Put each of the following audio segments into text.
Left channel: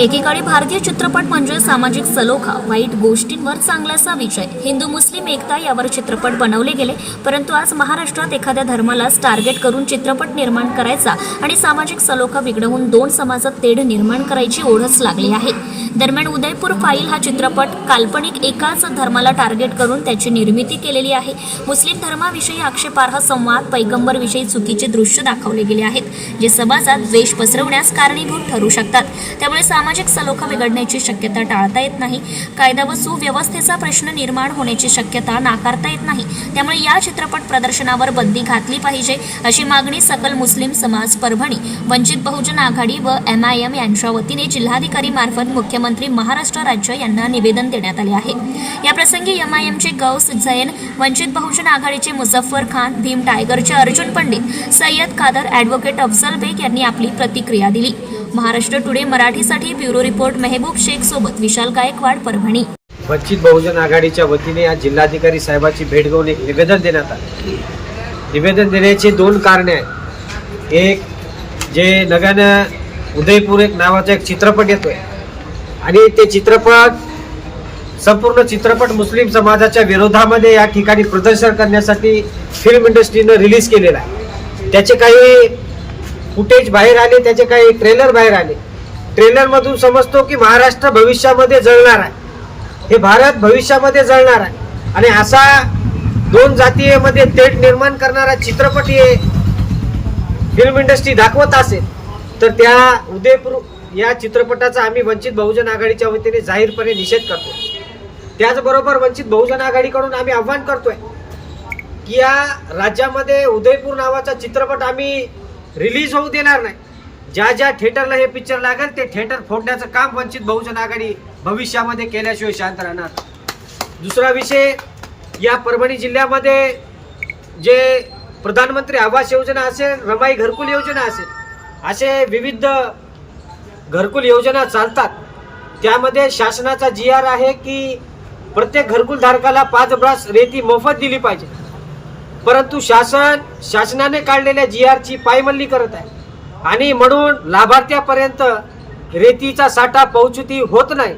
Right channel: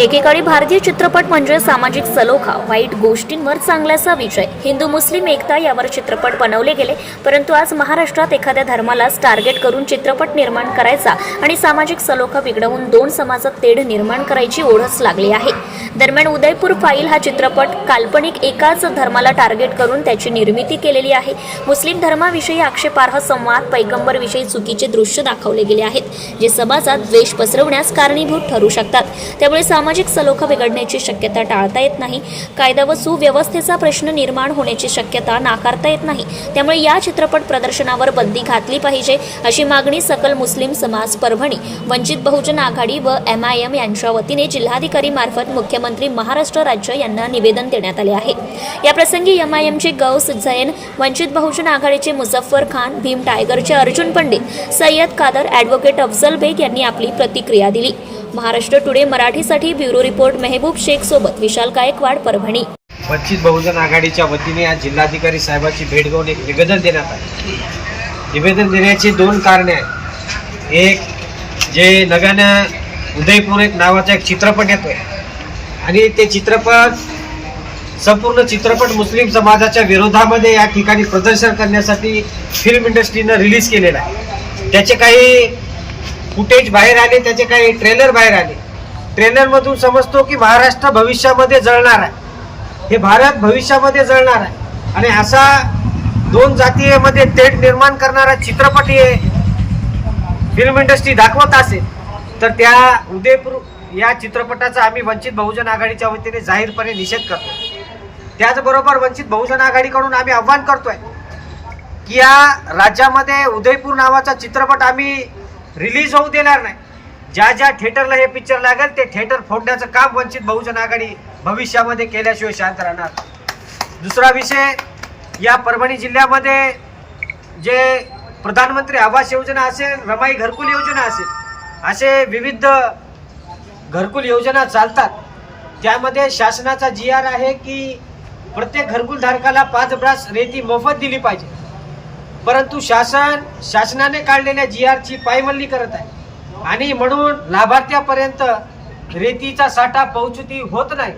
एकेकाळी भारतीय चित्रपट म्हणजे सामाजिक सलोखा वाईट गोष्टींवर चांगल्याचा विजय. हिंदू मुस्लिम एकता यावर चित्रपट बनवले गेले परंतु आज महाराष्ट्रात एखाद्या धर्मालाच टार्गेट करून चित्रपट निर्माण करायचा आणि सामाजिक सलोखा बिघडवून दोन समाजात तेढ निर्माण करायची ओढच लागली आहे. दरम्यान उदयपूर फाईल हा चित्रपट काल्पनिक एकाच धर्माला टार्गेट करून त्याची निर्मिती केलेली आहे. मुस्लिम धर्माविषयी आक्षेपार्ह संवाद पैगंबरविषयी चुकीचे दृश्य दाखवले गेले आहेत जे समाजात द्वेष पसरवण्यास कारणीभूत ठरू शकतात. त्यामुळे सामाजिक सलोखा बिघडण्याची शक्यता टाळता येत नाही. कायदा व सुव्यवस्थेचा प्रश्न निर्माण होण्याची शक्यता नाकारता येत नाही. त्यामुळे या चित्रपट प्रदर्शनावर बंदी घातली पाहिजे अशी मागणी सकल मुस्लिम समाज परभणी वंचित बहुजन आघाडी व एम आय एम यांच्या वतीने जिल्हाधिकारी मार्फत मुख्यमंत्री महाराष्ट्र राज्य यांना निवेदन देण्यात आले आहे. याप्रसंगी एम आय एमचे गौस जैन वंचित बहुजन आघाडीचे मुझफ्फर खान भीम टायगरचे अर्जुन पंडित सय्यद कादर ॲडव्होकेट अफजल बेग यांनी आपली प्रतिक्रिया दिली. महाराष्ट्र टुडे मराठीसाठी ब्युरो रिपोर्ट मेहबूब शेख सोबत विशाल गायकवाड परभणी. वंचित बहुजन आघाडीच्या वतीने आज जिल्हाधिकारी साहेबाची भेट घेऊन एक निवेदन देण्यात आले. निवेदन देण्याची दोन कारणे आहेत. एक जे नव्यानं उदयपूर एक नावाचा एक चित्रपट येतोय. आणि ते चित्रपट संपूर्ण चित्रपट मुस्लिम समाजाच्या विरोधामध्ये या ठिकाणी प्रदर्शन करण्यासाठी फिल्म इंडस्ट्रीनं रिलीज केलेला आहे. त्याचे काही फुटेज बाहेर आले त्याचे काही ट्रेलर बाहेर आले. ट्रेलरमधून समजतो की महाराष्ट्र भविष्यामध्ये जळणार आहे. हे भारत भविष्यामध्ये जळणार आहे. आणि असा दोन जातीमध्ये तेट निर्माण करणारा चित्रपट हे फिल्म इंडस्ट्री दाखवत असेल तर त्या उदयपूर या चित्रपटाचा आम्ही वंचित बहुजन आघाडीच्या वतीने जाहीरपणे निषेध करतो. त्याचबरोबर वंचित बहुजन आघाडीकडून आम्ही आव्हान करतोय की या राज्यामध्ये उदयपूर नावाचा चित्रपट आम्ही रिलीज होऊ देणार नाही. ज्या ज्या थिएटरला हे पिक्चर लागेल ते थिएटर फोडण्याचं काम वंचित बहुजन आघाडी भविष्यामध्ये केल्याशिवाय शांत राहणार. दुसरा विषय या परभणी जिल्ह्यामध्ये जे प्रधानमंत्री आवास योजना असेल रमाई घरकुल योजना असेल असे विविध घरकुल योजना चालतात. त्यामध्ये शासनाचा जी आर आहे की प्रत्येक घरकुल धारकाला पाच ब्रास रेती मोफत दिली पाहिजे. परंतु शासन शासनाने काढलेल्या जी आरची पायमल्ली करत आहे. आणि म्हणून लाभार्थ्यापर्यंत रेतीचा साठा पोहोचती होत नाही.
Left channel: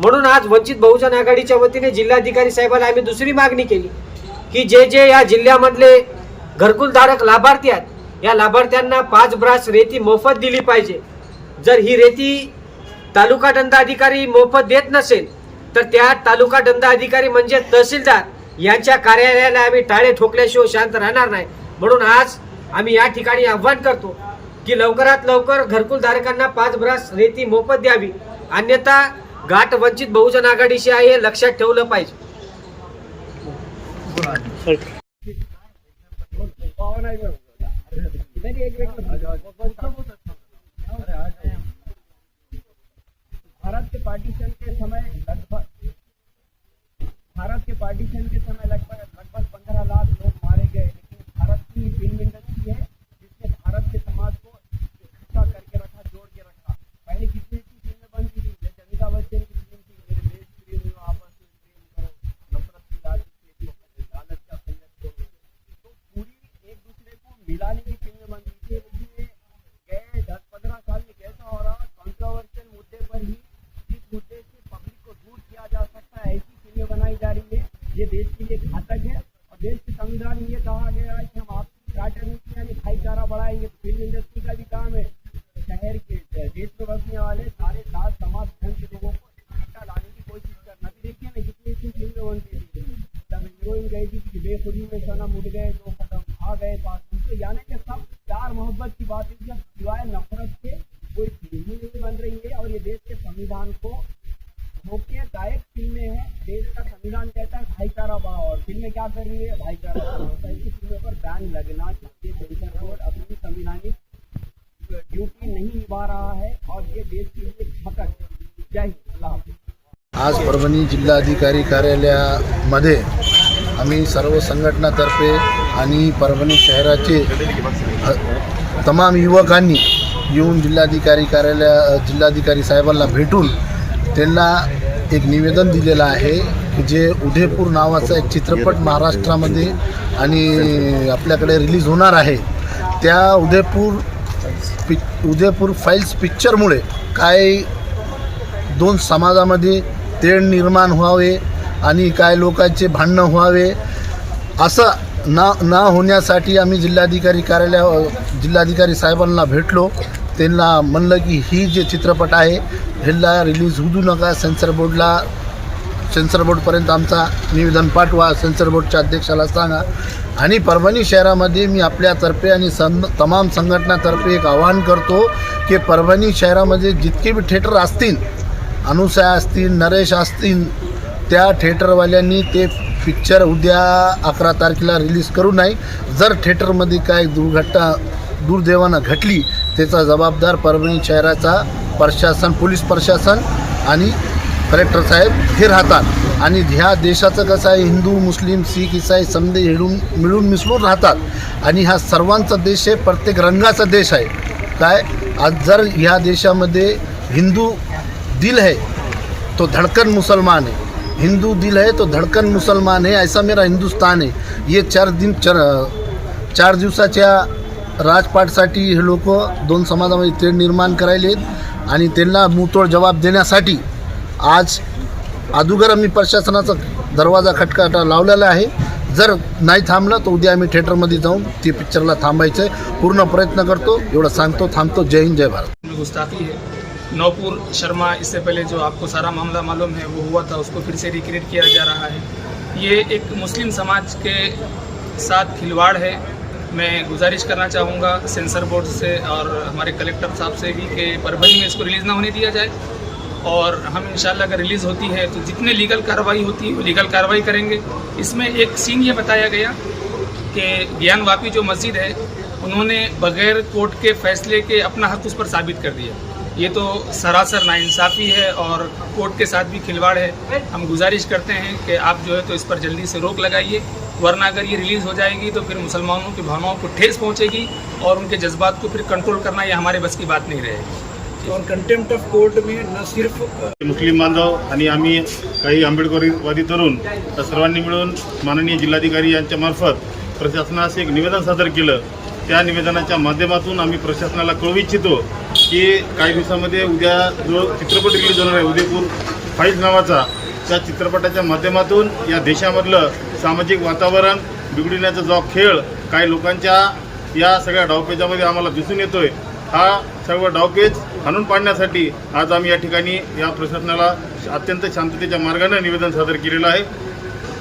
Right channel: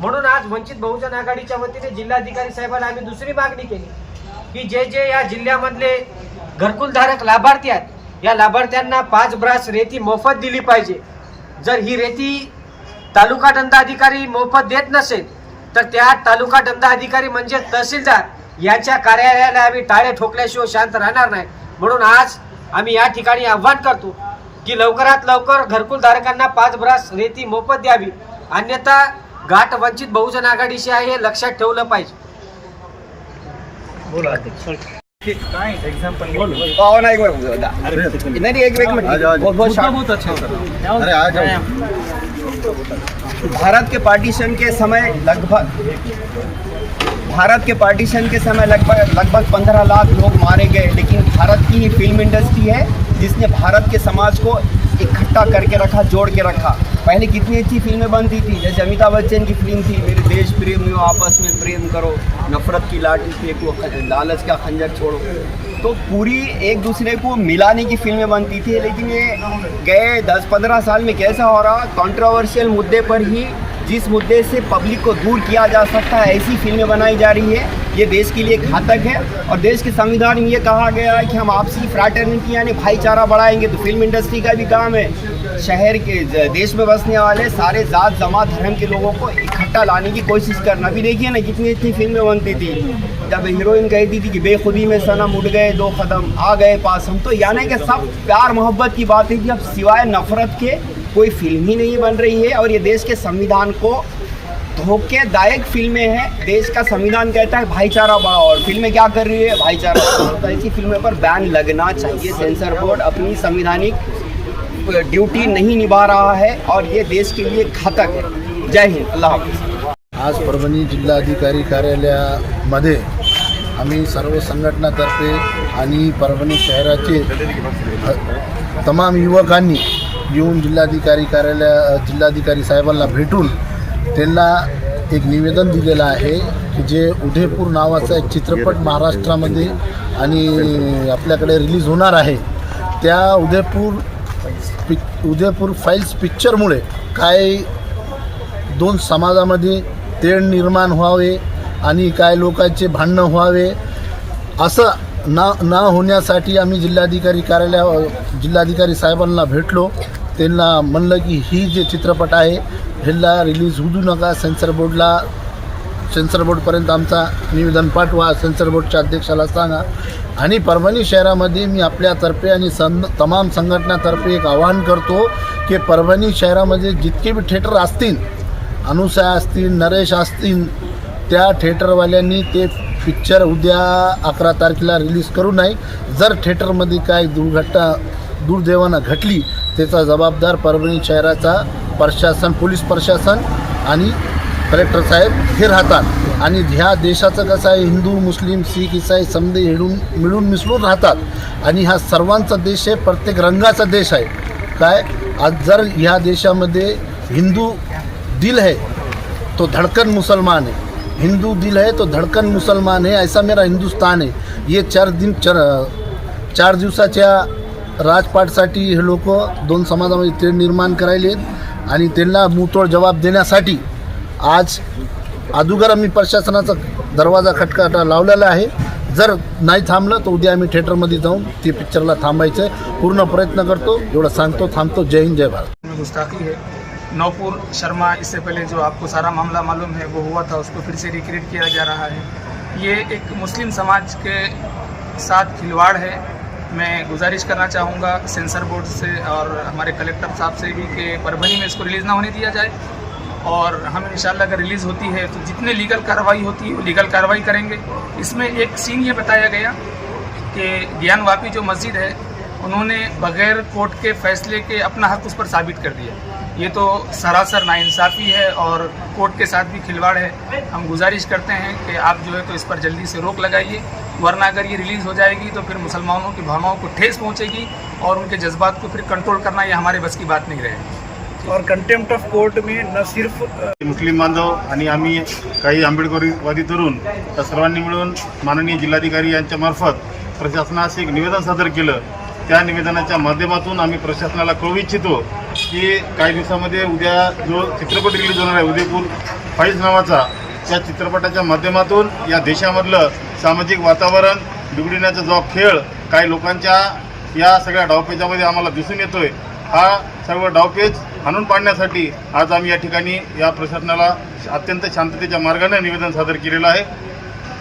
म्हणून आज वंचित बहुजन आघाडीच्या वतीने जिल्हाधिकारी साहेबांना आम्ही दुसरी मागणी केली की जे जे या जिल्ह्यामधले घरकुलधारक लाभार्थी आहेत या लाभार्थ्यांना पाच ब्रास रेती मोफत दिली पाहिजे. जर ही रेती तालुका दंडाधिकारी मोफत देत नसेल तर त्या तालुका दंडाधिकारी म्हणजे तहसीलदार यांच्या कार्यालयाला आम्ही टाळे ठोकल्याशिवाय शांत राहणार नाही. म्हणून आज आम्ही या ठिकाणी आव्हान करतो की लवकरात लवकर घरकुलधारकांना पाच ब्रास रेती मोफत द्यावी. अन्यथा गाठ वंचित बहुजन आघाडीशी आहे हे लक्षात ठेवलं पाहिजे. भारत के पार्टीशन के समय लगभग भारत के पार्टीशन के समय लगभग लगभग पंद्रह लाख लोग मारे गए, लेकिन भारत की ही फ़िल्म इंडस्ट्री है, जिसने भारत के समाज को इकट्ठा करके रखा, जोड़ के रखा। पहले कितनी अच्छी फ़िल्में बनती थी? जैसे अमिताभ बच्चन की फ़िल्म थी, मेरे देश प्रेमियों आपस में प्रेम करो, नफरत की लाठी फेंको, लालच का खंजर छोड़ो। तो पूरी एक दूसरे को मिलाने की फ़िल्में बनती थी, लेकिन ये गए दस पंद्रह साल में कैसा हो रहा कंट्रोवर्शियल मुद्दे पर ही जिस मुद्दे से पब्लिक को दूर किया जा सकता है, ऐसी फ़िल्में बनाई जा रही है। ये देश के लिए घातक है और देश के संविधान में ये कहा गया है कि हम आपसी फ्रैटर्निटी यानी भाईचारा बढ़ाएँगे तो फ़िल्म इंडस्ट्री का भी काम है। शहर के देश में बसने वाले सारे जात, जमात, धर्म के लोगों को इकट्ठा लाने की कोशिश करना। अभी देखिए ना कितनी इतनी फ़िल्में बनती थी। जब हीरोइन कहती थी कि बेखुदी में सनम उड़ गए, दो कदम आ गए पास। हम तो यानी कि सब प्यार मोहब्बत की बात है कि अब सिवाय नफरत के कोई फ़िल्म ही नहीं बन रही है और ये देश के संविधान को धोखेदायक फ़िल्में हैं। देश का संविधान कहता है भाईचारा बढ़ाओ। और फ़िल्में क्या कर रही है? भाईचारा तो ऐसी फ़िल्में पर बैन लगना चाहिए। सेंसर बोर्ड अपनी संविधानिक ड्यूटी नहीं निभा रहा है और ये देश के लिए घातक है। जय हिंद। अल्लाह हाफिज़। आज परभणी जिल्हाधिकारी कार्यालयामध्ये आम्ही सर्व संघटनातर्फे आणि परभणी शहराचे अ, तमाम युवकांनी येऊन जिल्हाधिकारी कार्यालय जिल्हाधिकारी साहेबांना भेटून त्यांना एक निवेदन दिलेलं आहे की जे उदयपूर नावाचा एक चित्रपट महाराष्ट्रामध्ये आणि आपल्याकडे रिलीज होणार आहे त्या उदयपूर पि उदयपूर फाईल्स पिक्चरमुळे काय दोन समाजामध्ये तेढ निर्माण व्हावे आणि काय लोकांचे भांडणं व्हावे असं ना ना होण्यासाठी आम्ही जिल्हाधिकारी कार्यालय जिल्हाधिकारी साहेबांना भेटलो. त्यांना म्हणलं की ही जे चित्रपट आहे ह्याला रिलीज होऊ नका. सेन्सर बोर्डला सेन्सर बोर्डपर्यंत आमचा निवेदन पाठवा. सेन्सर बोर्डच्या अध्यक्षाला सांगा. आणि परभणी शहरामध्ये मी आपल्यातर्फे आणि सं तमाम संघटनातर्फे एक आवाहन करतो की परभणी शहरामध्ये जितके बी थिएटर असतील अनुसया असतील नरेश असतील त्या थिएटरवाल्यांनी ते पिक्चर उद्या अकरा तारखेला रिलीज करू नये जर थिएटरमध्ये काय दुर्घटना दुर्दैवानं घटली त्याचा जबाबदार परभणी शहराचा प्रशासन पोलीस प्रशासन आणि कलेक्टर साहेब हे राहतात. आणि ह्या देशाचं कसं आहे हिंदू मुस्लिम सिख इसाई समजे हिडून मिळून मिसळून राहतात. आणि हा सर्वांचा देश आहे प्रत्येक रंगाचा देश आहे. काय? आज जर ह्या देशामध्ये हिंदू दिल है तो धड़कन मुसलमान है हिंदू दिल है तो धड़कन मुसलमान है ऐसा मेरा हिंदुस्तान है। ये चार दिन चार चार दिवसाच्या राजपाटसाठी हे लोक दोन समाजामध्ये तेढ निर्माण करायले आणि त्यांना मुतोळ जबाब देण्यासाठी आज अदुगर आम्ही प्रशासनाचा दरवाजा खटकाटा लावलेला आहे. जर नाही थांबलं तर उद्या आम्ही थिएटरमध्ये जाऊन ते पिक्चरला थांबायचं आहे. पूर्ण प्रयत्न करतो. एवढं सांगतो थांबतो. जय हिंद जय भारत. गुस्ताखी आहे. नौपुर शर्मा, इससे पहले जो आपको सारा मामला मालूम है, वो हुआ था, उसको फिर से रिक्रिएट किया जा रहा है। ये एक मुस्लिम समाज के साथ खिलवाड़ है। मैं गुजारिश करना चाहूँगा सेंसर बोर्ड से और हमारे कलेक्टर साहब से भी कि परभनी में इसको रिलीज़ ना होने दिया जाए। और हम इंशाल्लाह अगर रिलीज़ होती है तो जितने लीगल कार्रवाई होती है, वो लीगल कार्रवाई करेंगे। इसमें एक सीन ये बताया गया कि ज्ञान वापी जो मस्जिद है, उन्होंने बगैर कोर्ट के फैसले के अपना हक उस पर साबित कर दिया। ये तो सरासर नाइंसाफ़ी है और कोर्ट के साथ भी खिलवाड़ है। हम गुजारिश करते हैं कि आप जो है तो इस पर जल्दी से रोक लगाइए वरना अगर ये रिलीज़ हो जाएगी तो फिर मुसलमानों की भावनाओं को ठेस पहुंचेगी और उनके जज्बात को फिर कंट्रोल करना ये हमारे बस की बात नहीं रहेगी। और कंटेम्प्ट ऑफ़ कोर्ट में न सिर्फ़ मुस्लिम बांधव आणि आम्ही काही आंबेडकरवादी तरुण सर्वांनी मिळून माननीय जिल्हाधिकारी यांच्या मार्फत प्रशासनास एक निवेदन सादर केलं. त्या निवेदनाच्या माध्यमातून आम्ही प्रशासनाला कळवू इच्छितो की काही दिवसामध्ये उद्या जो चित्रपट रिलीज होणार आहे उदयपूर फाईल्स नावाचा त्या चित्रपटाच्या माध्यमातून या देशामधलं सामाजिक वातावरण बिघडण्याचा जो खेळ काही लोकांच्या या सगळ्या डावपेजामध्ये आम्हाला दिसून येतोय हा सर्व डावपेज हाणून पाडण्यासाठी आज आम्ही या ठिकाणी या प्रशासनाला अत्यंत शांततेच्या मार्गाने निवेदन सादर केलेलं आहे.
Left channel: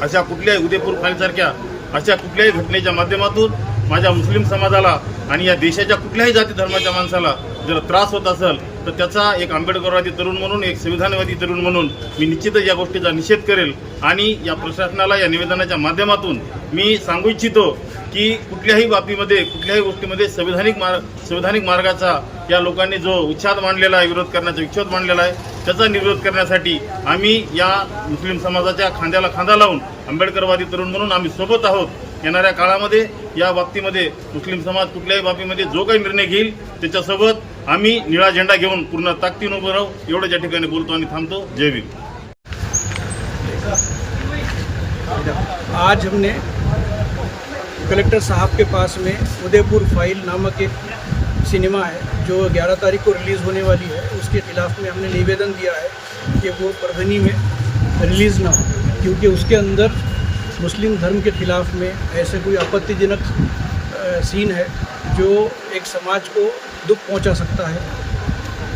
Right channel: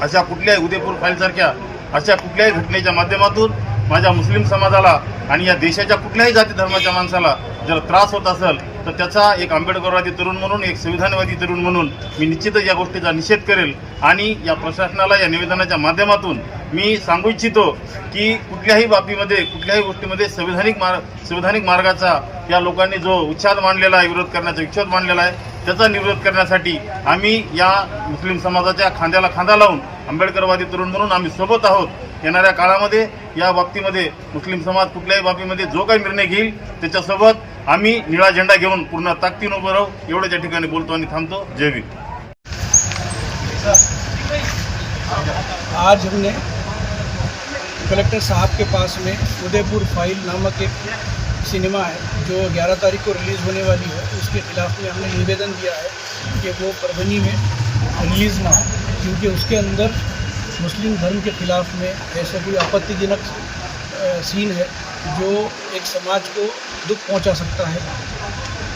अशा कुठल्याही उदयपूर फाईलसारख्या अशा कुठल्याही घटनेच्या माध्यमातून माझ्या मुस्लिम समाजाला आणि या देशाच्या कुठल्याही जाती धर्माच्या माणसाला जर त्रास होत असेल तर त्याचा एक आंबेडकरवादी तरुण म्हणून एक संविधानवादी तरुण म्हणून मी निश्चितच या गोष्टीचा निषेध करेल. आणि या प्रशासनाला या निवेदनाच्या माध्यमातून मी सांगू इच्छितो की कुठल्याही बाबतीमध्ये कुठल्याही गोष्टीमध्ये संविधानिक मार्ग संविधानिक मार्गाचा या लोकांनी जो उच्छाद मांडलेला आहे विरोध करण्याचा विच्छेद मांडलेला आहे त्याचा निरोध करण्यासाठी आम्ही या मुस्लिम समाजाच्या खांद्याला खांदा लावून आंबेडकरवादी तरुण म्हणून आम्ही सोबत आहोत. येणाऱ्या काळामध्ये या बाबतीमध्ये मुस्लिम समाज कुठल्याही बाबतीमध्ये जो काही निर्णय घेईल त्याच्यासोबत आम्ही निळा झेंडा घेऊन पूर्ण ताकदीनं उभं राहू, एवढंच या ठिकाणी बोलतो आणि जय भीम. आज हमने कलेक्टर साहब के पास में उदयपुर फ़ाइल नामक एक सिनेमा है, जो 11 तारीख को रिलीज़ होने वाली है। उसके खिलाफ में हमने निवेदन दिया है कि वो परभनी में रिलीज़ ना हो, क्योंकि उसके अंदर मुस्लिम धर्म के खिलाफ में ऐसे कोई आपत्तिजनक सीन है। जो एक समाज को दुख पहुँचा सकता है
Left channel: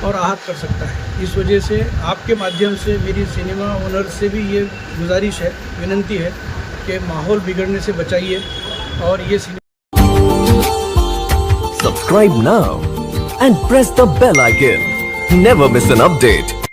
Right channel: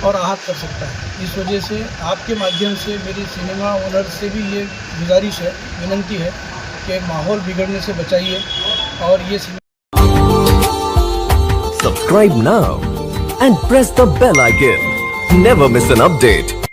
और आहत कर सकता है इस वजह से आपके माध्यम से मेरी सिनेमा ओनर से भी ये गुजारिश है, विनंती है कि माहौल बिगड़ने से बचाइए और ये Subscribe now and press the bell icon. Never miss an update.